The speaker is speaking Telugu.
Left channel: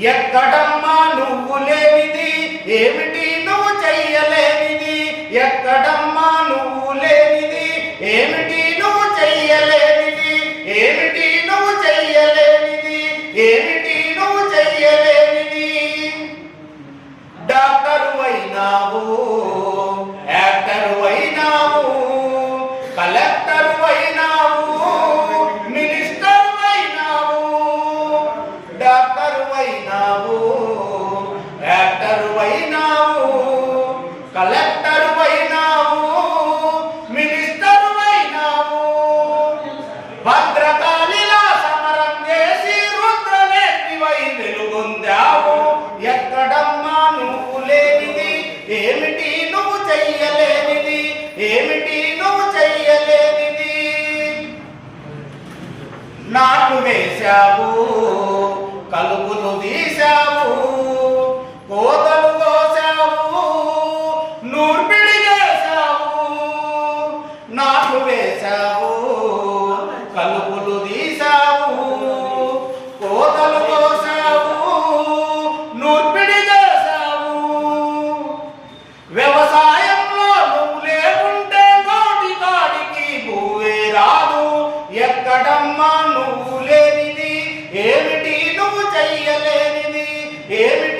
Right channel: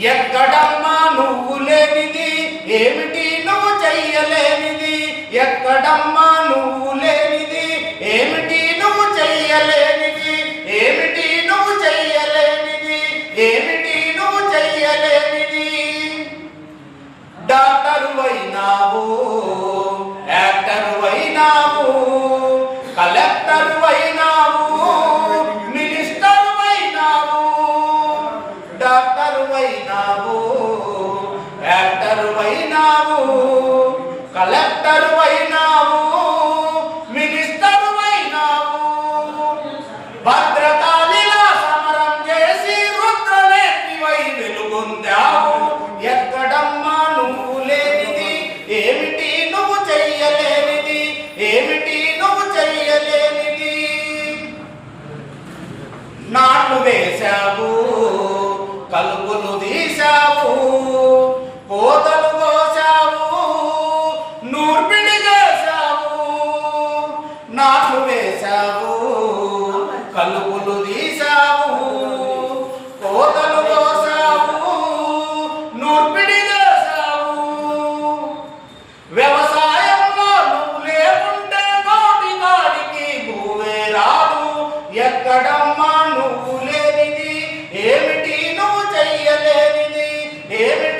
ఎక్కడమ్మా నువ్వు లేనిది, ఏమిటి నువ్వు చెయ్యలేనిది? ఎక్కడమ్మా నువ్వు లేనిది, ఏమిటి నువ్వు చెయ్యలేనిది? ఏమిటి నువ్వు చెయ్యలేనిది? ఏమిటి నువ్వు చెయ్యలేనిది? డాక్టర్ అయినావు, యాక్టర్ అయినావు, కలెక్టర్ అయినావు, మినిస్టర్ అయినావు. డాక్టర్ అయినావు, యాక్టర్ అయినావు, కలెక్టర్ అయినావు, మినిస్టర్ అయినావు. భద్రకాళిలా సమరం చేసి రుద్రనేత్రివై వెలుగొందావు. ఎక్కడమ్మా నువ్వు లేనిది, ఏమిటి నువ్వు చెయ్యలేనిది? ఏమిటి నువ్వు చెయ్యలేనిది? నాట్లు వేశావు, కలుపులు తీశావు, కోతలు కోసావు, నూర్పిడి చేశావు. నాట్లు వేశావు, కలుపులు తీశావు, కోతలు కోసావు, నూర్పిడి చేశావు. వ్యవసాయంలో నువ్వు లేకుంటే నోటి కాడికి భూవే రాదు. ఎక్కడమ్మా నువ్వు లేనిది, ఏమిటి నువ్వు చెయ్యలేనిది? ఏమిటి